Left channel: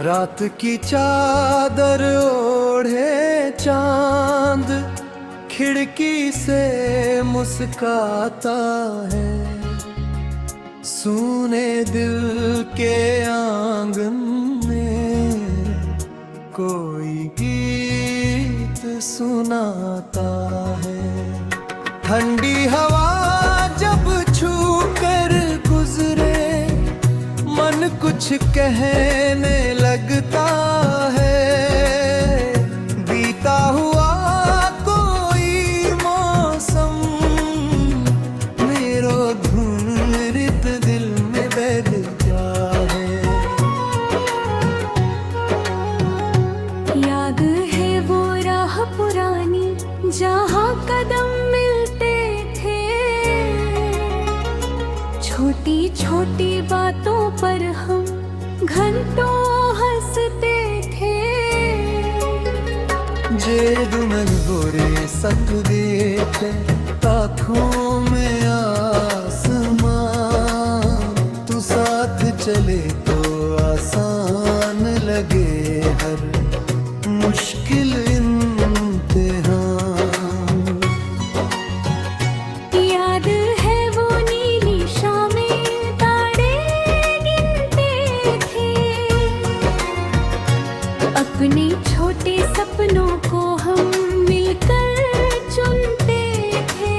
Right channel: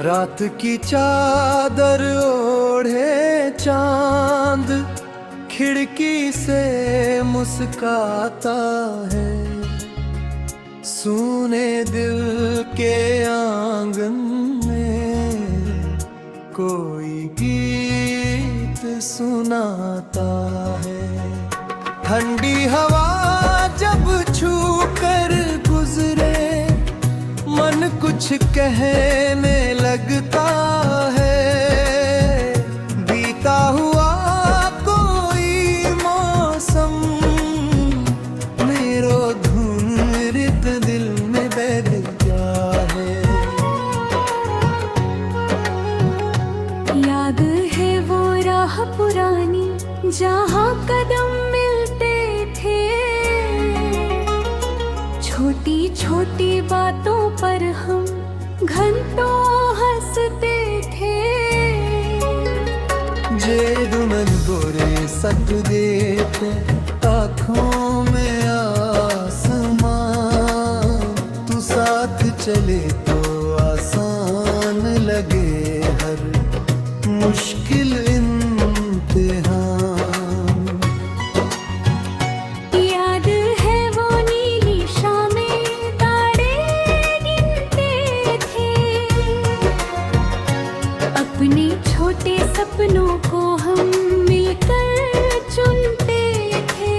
रात की चादर ओढ़े चांद खिड़की से मुस्काता है। सूने दिल के आंगन में कोई गीत सुनाता है। ठंडी हवा जब छू कर गुजरे मन कुछ कहने लगता है। बीता हुआ कोई मौसम मेरो धुन रित दिल में बैठ जाए। याद है वो राह पुरानी जहाँ कदम मिलते थे। छोटी छोटी बातों पर हम घंटों हंसते थे। जेडू मन गोरे सकदे थे आँखों में आसमां। तू साथ चले तो आसान लगे हर मुश्किल इम्तिहान। याद है वो नीली शामें तारे गिनते थे। अपने छोटे सपनों को हम मिलकर चुनते थे।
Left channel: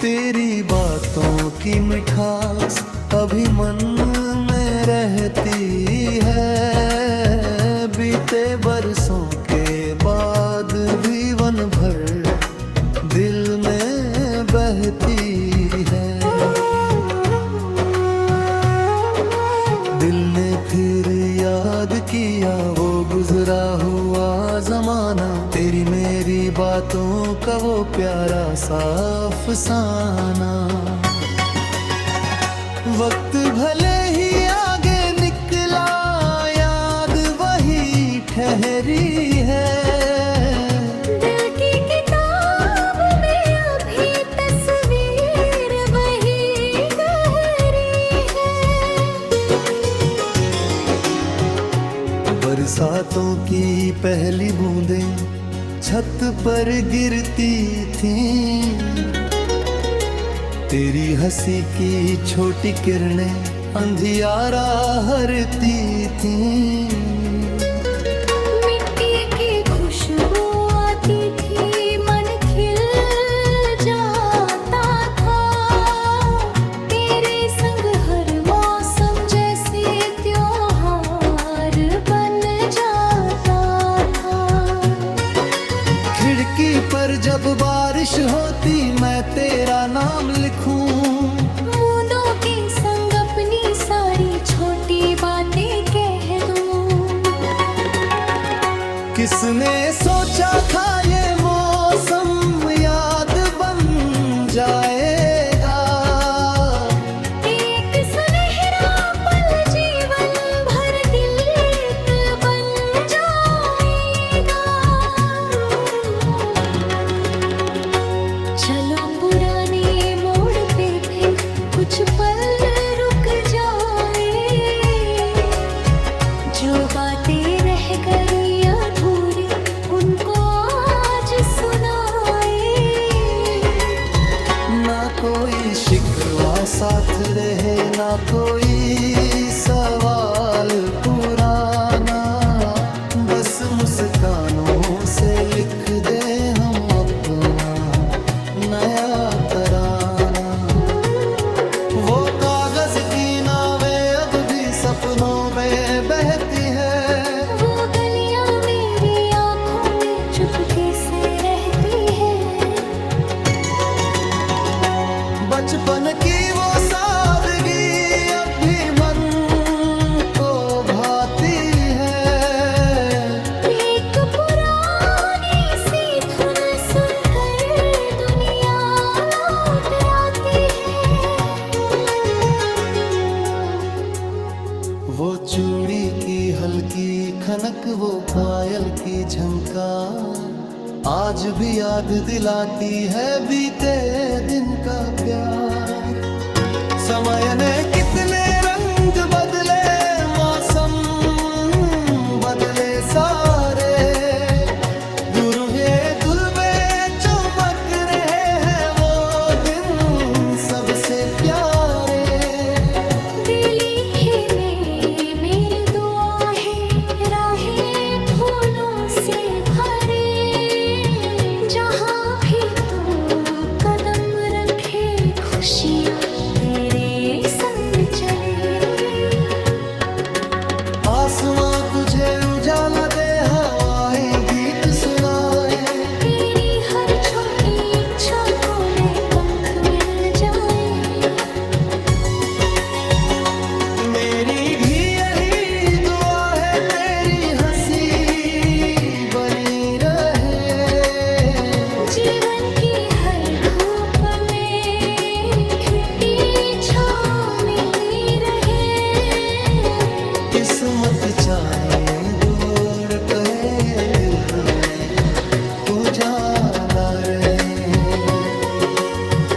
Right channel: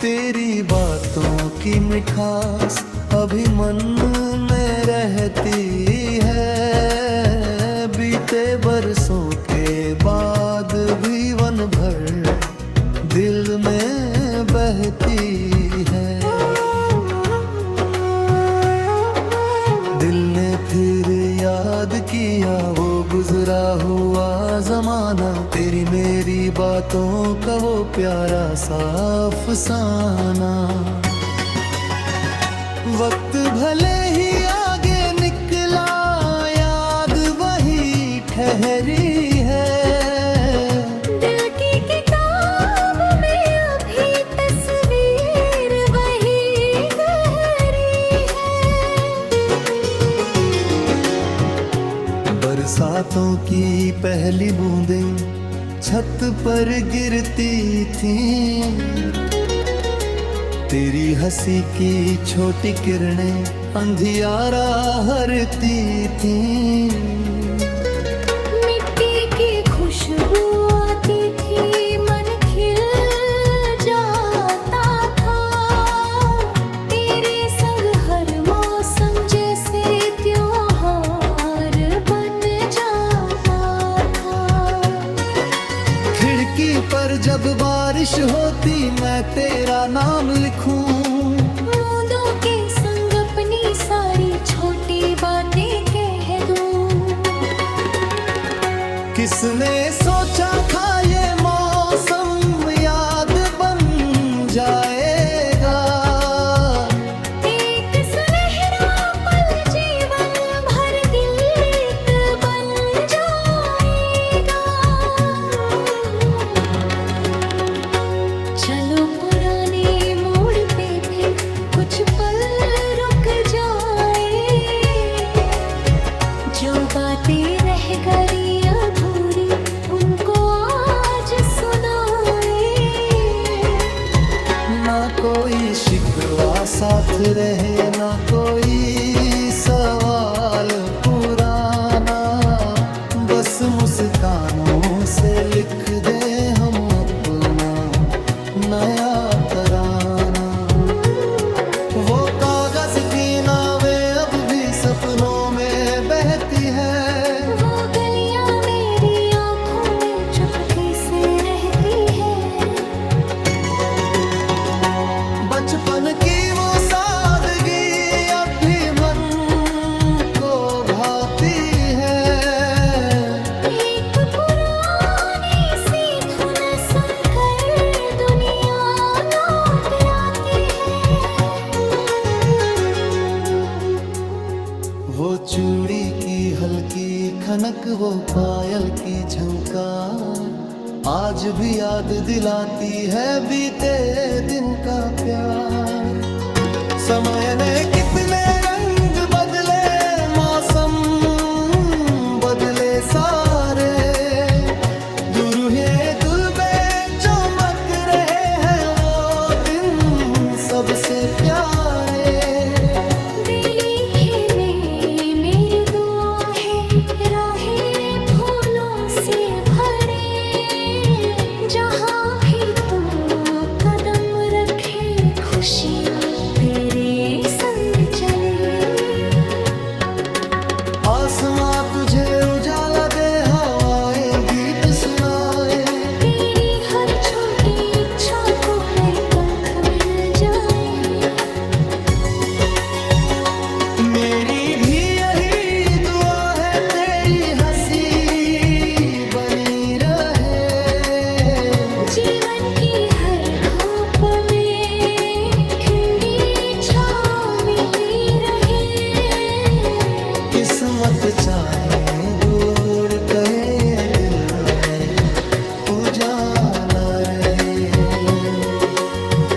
तेरी बातों की मिठास अभी मन में रहती है। बीते बरसों के बाद भी वन भर दिल में बहती है। दिल ने फिर याद किया वो गुजरा हुआ जमाना। तेरी मेरी बातों का वो प्यारा सा अफसाना। वक्त भले ही आगे निकला याद वही ठहरी है। दिल की किताब में अभी तस्वीर वही गहरी है। बरसातों की पहली बूंदें छत पर गिरती थीं। तेरी हंसी की छोटी किरणें अंधियारा हरती थीं। मिट्टी की खुशबू आती थी मन खिल जाता था। तेरे संग हर मौसम जैसे त्योहार बन जाता था। खिड़की पर जब बारिश होती मैं तेरा नाम लिखूं। बूंदों के संग अपनी सारी छोटी बातें कह दूं। किसने सोचा था ये मौसम याद बन जाएगा। एक सुनहरा पल जीवन भर गीत बन जाएगा। चलो पुराने मोड़ पे फिर कुछ पल रुक जाए। जो बातें रह गई अधूरी उनको आज सुनाए। ना कोई शिकवा साथ रहे ना कोई सवाल पुराना। बस मुस्कानों से लिख दे हम अपना नया तराना। वो कागज की नावें अब भी सपनों में बहती है। वो गलियां मेरी आंखों में चुपके से रहती है। बचपन की वो सादगी अब भी मन को भाती है। एक पुरानी सी धुन सुनकर दुनिया लौट आती है। वो चूड़ी की हल्की खनक वो पायल की झंकार आज भी याद दिलाती है बीते दिन का प्यार। समय ने कितने रंग बदले मौसम बदले सारे, दुरूहे तुलबे चमक रहे हैं वो दिन सबसे प्यारे। दिली है में मेरी दुआ है, राहें फूलों से भरे, जहाँ भी तू कदम रखे खुशियाँ तेरे संग चले। आसमां तुझे उजाला दे, हवाएं गीत सुनाए, तेरी हर छोटी इच्छा को नए पंख मिल जाए। मेरी भी यही दुआ है, तेरी हंसी बनी रहे, जीवन की हर धूप में ठंडी छाँव मिली रहे। किस्मत चाहे दूर कहे, दिल में उजाला रहे।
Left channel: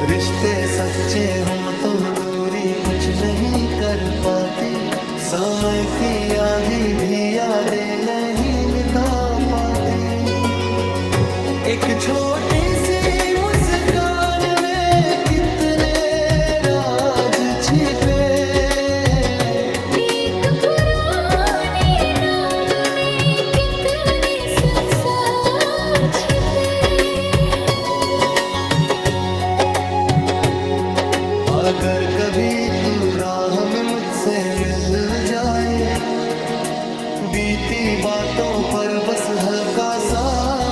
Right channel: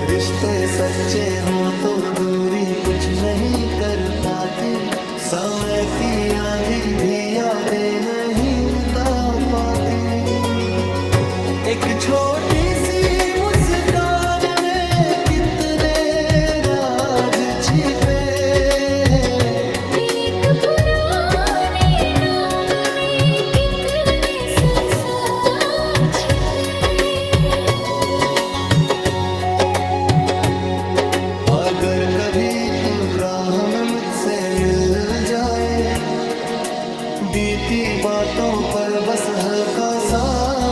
रिश्ते सच्चे हों तो दूरी कुछ नहीं कर पाती, समय की आंधी भी यादें नहीं मिटा पाती। एक छोटी सी मुस्कान में कितने राज छिपे, एक पुराने नाम में कितने संसार छिपे। अगर कभी तू राह में मुझसे मिल जाए, बीती बातों पर बस हल्का सा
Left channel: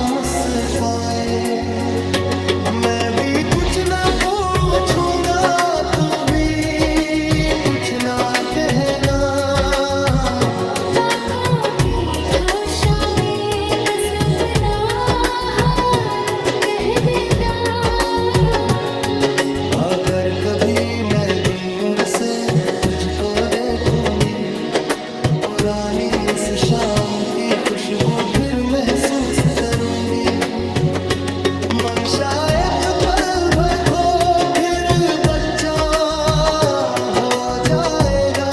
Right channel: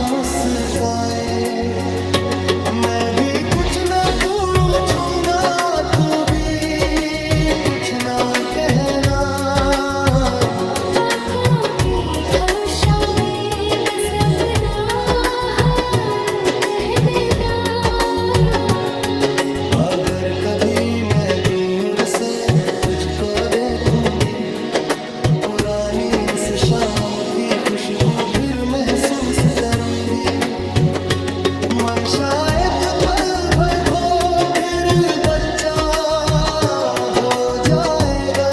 मुस्काए, मैं भी कुछ न पूछूंगा, तू भी कुछ न कहना। आँखों की ठोशा में बस अपना हाल कह देना। अगर कभी मैं दूर से तुझको देखूंगी, पुरानी उस शाम की खुशबू फिर महसूस करूंगी। मन शायद पल भर को फिर बच्चा हो जाएगा।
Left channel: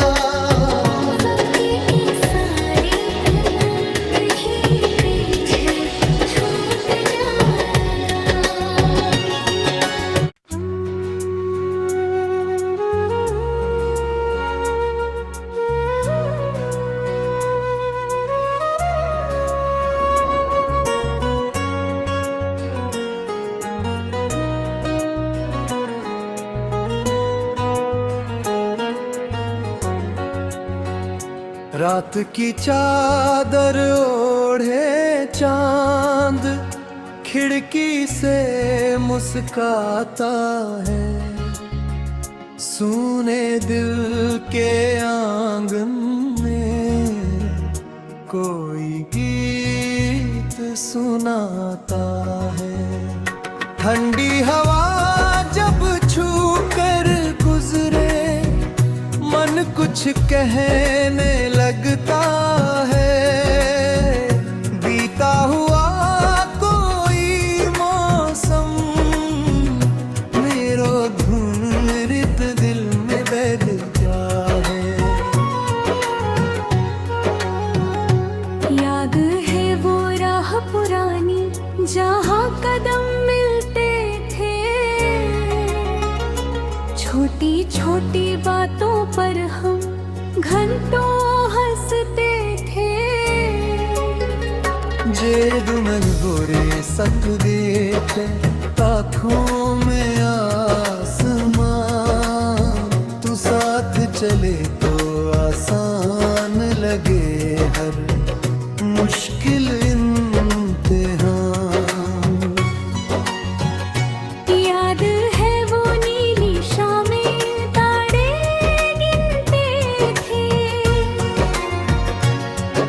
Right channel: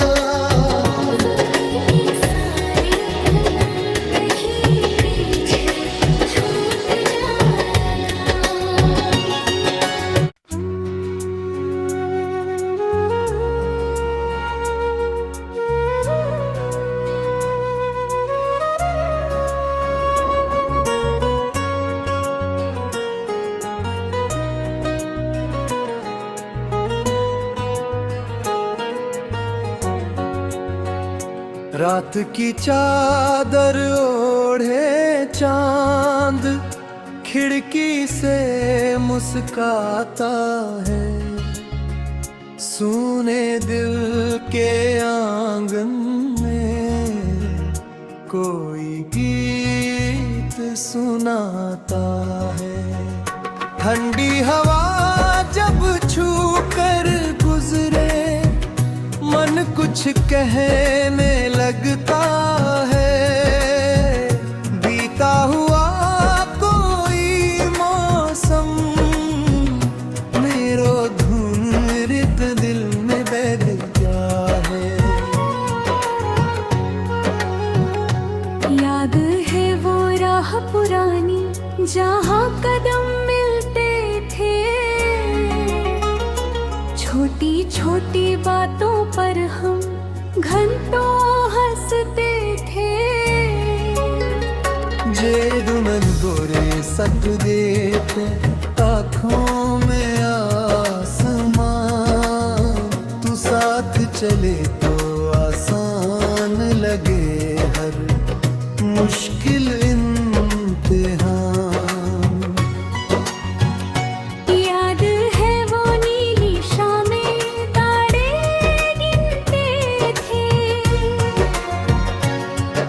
वक्त की सारी थकन तुझे पीछे छूट जाएगा। रात की चादर ओढ़े चांद खिड़की से मुस्काता है, सूने दिल के आंगन में कोई गीत सुनाता है। ठंडी हवा जब छू कर गुजरे, मन कुछ कहने लगता है। बीता हुआ कोई मौसम मेरो धुन रित दिल में बैठ जाए। याद है वो राह पुरानी जहाँ कदम मिलते थे, छोटी छोटी बातों पर हम घंटों हंसते थे। जे दुमन गोरे सत देते आँखों में आसमां, तू साथ चले तो आसान लगे हर मुश्किल इम्तिहान। याद है वो नीली शामें तारे गिनते थे,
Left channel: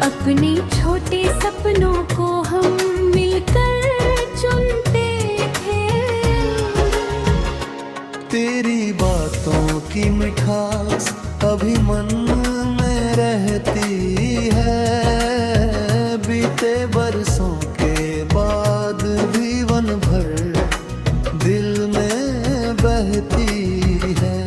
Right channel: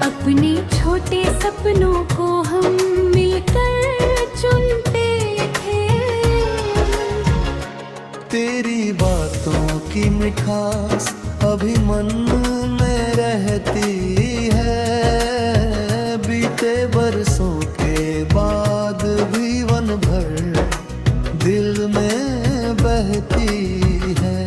अपने छोटे सपनों को हम मिलकर चुनते थे। तेरी बातों की मिठास अभी मन में रहती है, बीते बरसों के बाद भी वन भर दिल में बहती है।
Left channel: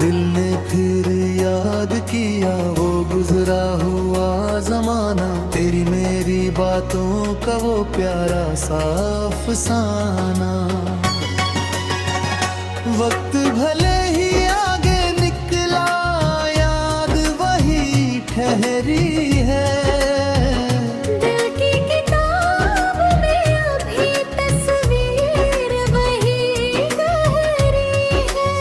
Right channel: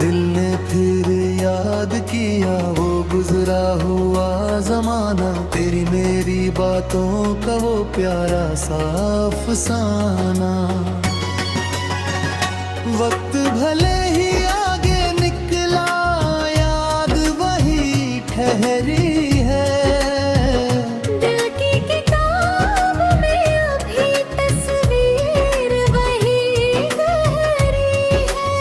दिल ने फिर याद किया वो गुजरा हुआ जमाना, तेरी मेरी बातों का वो प्यारा सा अफसाना। वक्त भले ही आगे निकला, याद वही ठहरी है। दिल की किताब में अभी तस्वीर वही गहरी है।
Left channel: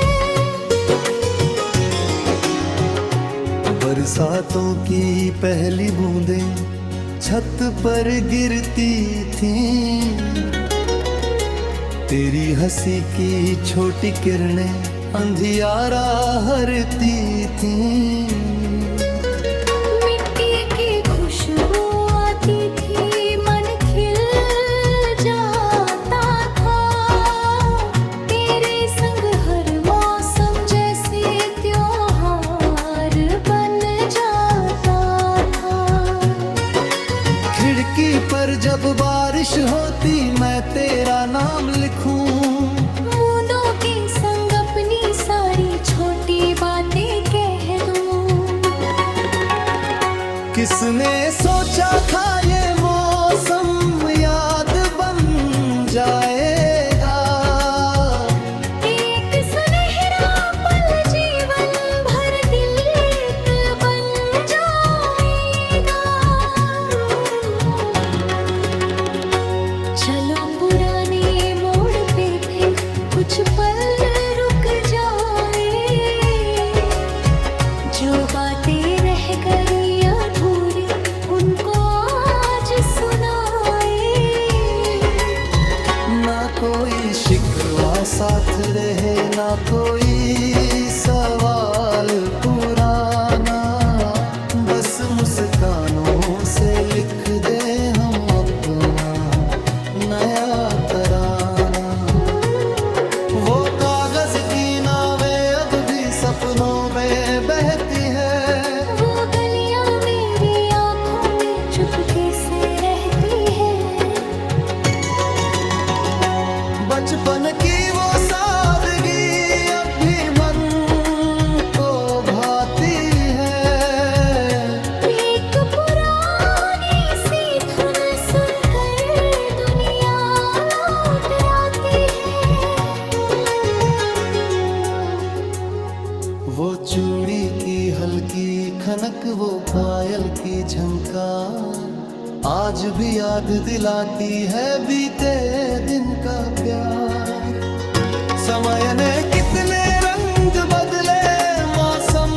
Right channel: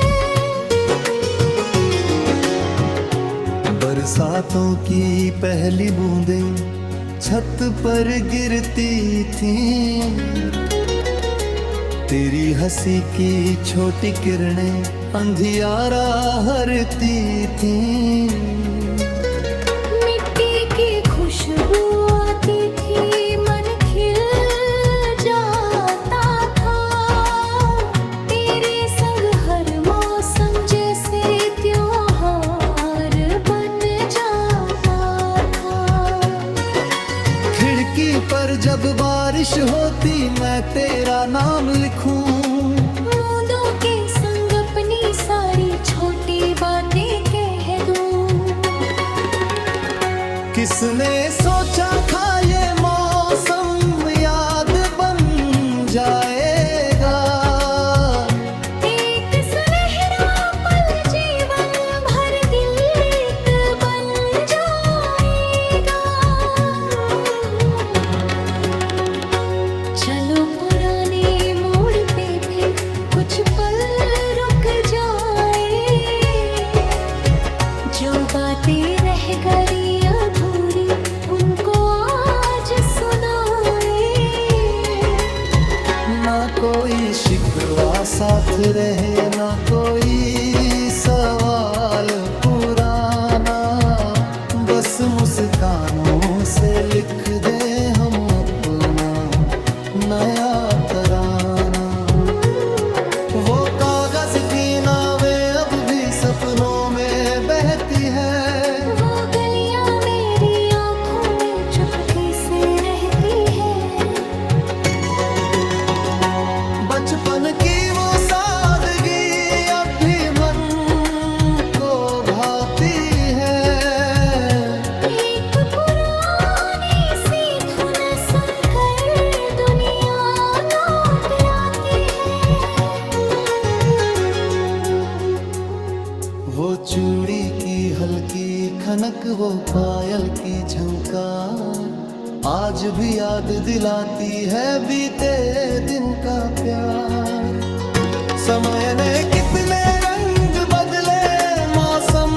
बरसातों की पहली बूंदें छत पर गिरती थीं, तेरी हंसी की छोटी किरणें अंधियारा हरती थीं। मिट्टी की खुशबू आती थी, मन खिल जाता था। तेरे संग हर मौसम जैसे त्योहार बन जाता था। खिड़की पर जब बारिश होती, मैं तेरा नाम लिखूं। बूंदों के संग अपनी सारी छोटी बातें कह दूं। किसने सोचा था ये मौसम याद बन जाएगा। एक सुनहरा पल जीवन भर गीत बन जाएगा। चलो पुराने मोड़ पे फिर कुछ पल रुक जाए। जो बातें रह गई अधूरी, उनको आज सुनाए। ना कोई शिकवा साथ रहे, ना कोई सवाल पुराना। बस मुस्कानों से लिख दे हम अपना नया तराना। वो कागज की नावें अब भी सपनों में बहती है। वो गलियां मेरी आंखों में चुपके से रहती है। बचपन की वो सादगी अब भी मन को भाती है। एक पुरानी सी धुन सुनकर दुनिया लौट आती है। वो चूड़ी की हल्की खनक, वो पायल की झंकार, आज भी याद दिलाती है बीते दिन का प्यार। समय ने कितने रंग बदले, मौसम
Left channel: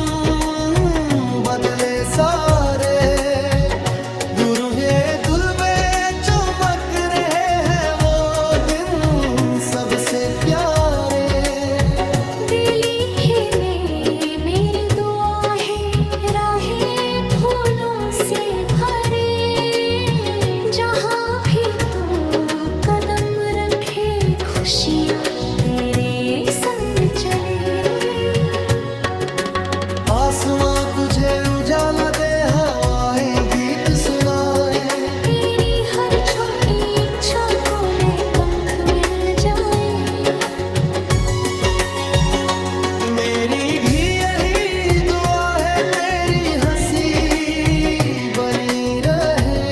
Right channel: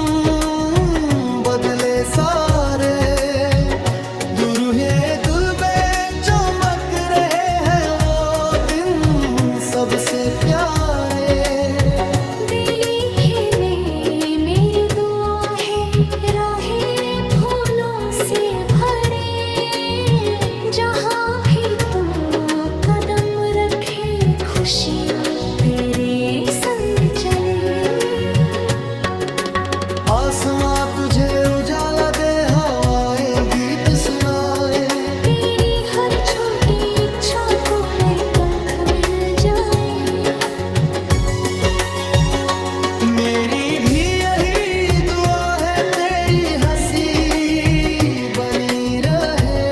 बदले सारे। दुरूहे तुलबे चमक रहे हैं, वो दिन सबसे प्यारे। दिली है में मेरी दुआ है, राहें फूलों से भरे। जहाँ भी तू कदम रखे, खुशियाँ तेरे संग चले। आसमां तुझे उजाला दे, हवाएं गीत सुनाए। तेरी हर छोटी इच्छा को नए पंख मिल जाए। मेरी भी यही दुआ है, तेरी हंसी बनी रहे।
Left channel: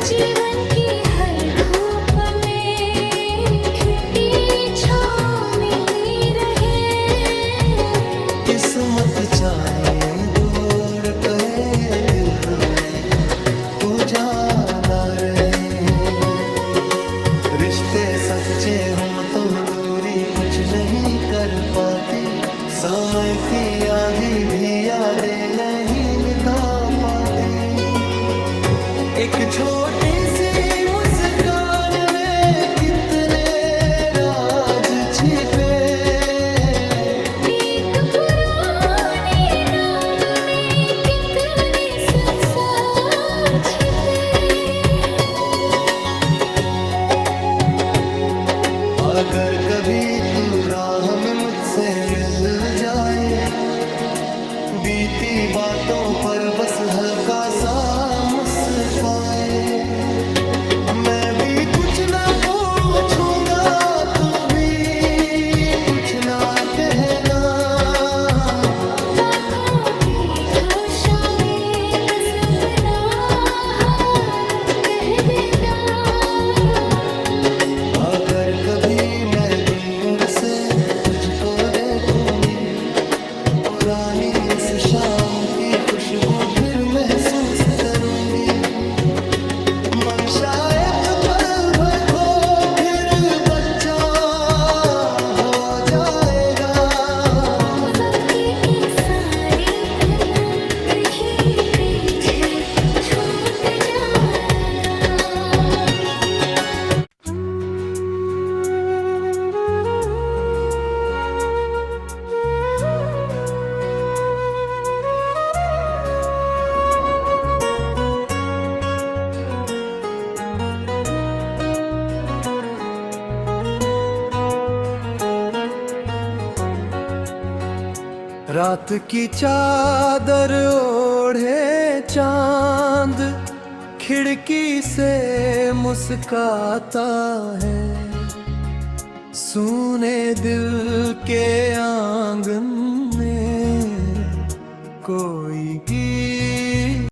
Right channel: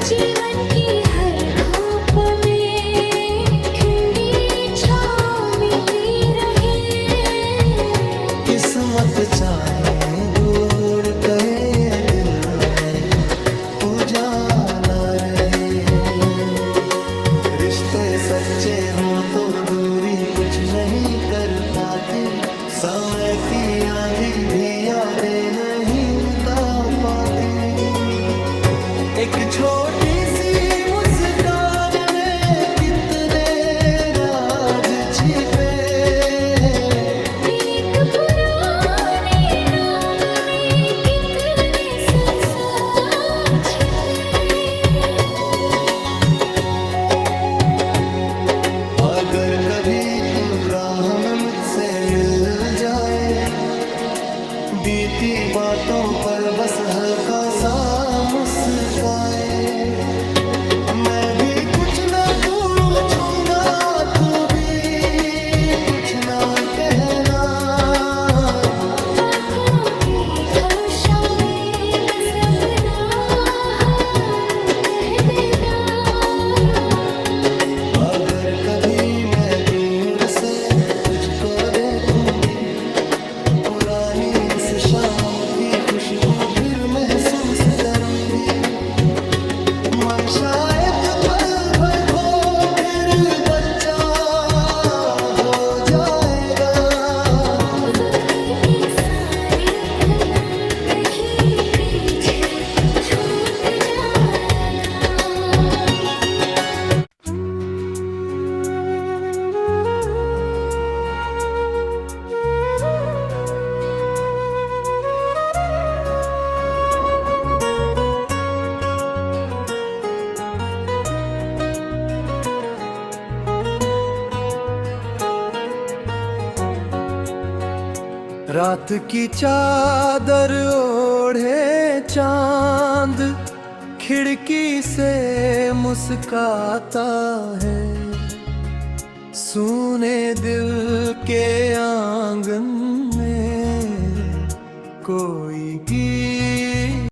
जीवन की हर धूप में ठंडी छाँव मिली रहे। किस्मत चाहे दूर, कहे दिल में उजाला रहे। रिश्ते सच्चे हों तो दूरी कुछ नहीं कर पाती। समय की आंधी भी यादें नहीं मिटा पाती। एक छोटी सी मुस्कान में कितने राज छिपे। एक पुराने नाम में कितने संसार छिपे। अगर कभी तू राह में मुझसे मिल जाए, बीती बातों पर बस हल्का सा मुस्काए। मैं भी कुछ न पूछूंगा, तू भी कुछ कुछ ना कहना। आँखों की ठोशा में बस अपना हाल कह देना। अगर कभी मैं दूर से तुझको देखूंगी, पुरानी उस शाम की खुशबू फिर महसूस करूंगी। मन शायद पल भर को फिर बच्चा हो जाएगा। वक्त की सारी थकन तुझे पीछे छूट जाएगा। रात की चादर ओढ़े चांद खिड़की से मुस्काता है। सूने दिल के आंगन में कोई गीत